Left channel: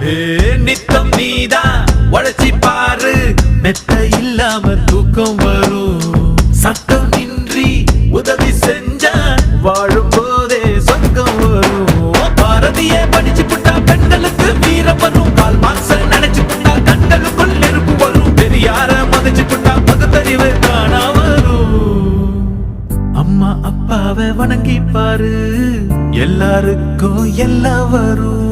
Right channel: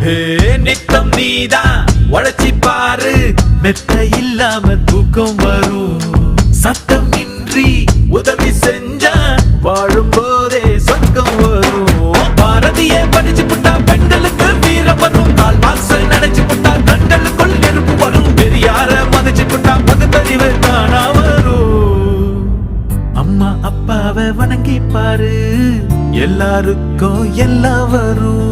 நித்தம் நீதான் உழைச்சி பாரு, மெத்த இல்லாம தூக்கம் வரும். சத்தம் நின்றி உதவி செஞ்சா வாழும் போதே சொர்க்கம் வரும். பாரதியே படிச்சு புட்டா பெண்களுக்கு வீரம் வரும். கால் மார்க்ஸ் நினைச்சு புட்டா கண்களுக்குள் நெருப்பு வரும். பெரியார மதிச்சு புட்டா பகுத்தறிவு காணா வரும். அம்மா அப்பாவை வணங்கி பாரு, எல்லாருக்கும் எல்லாம் வரும்.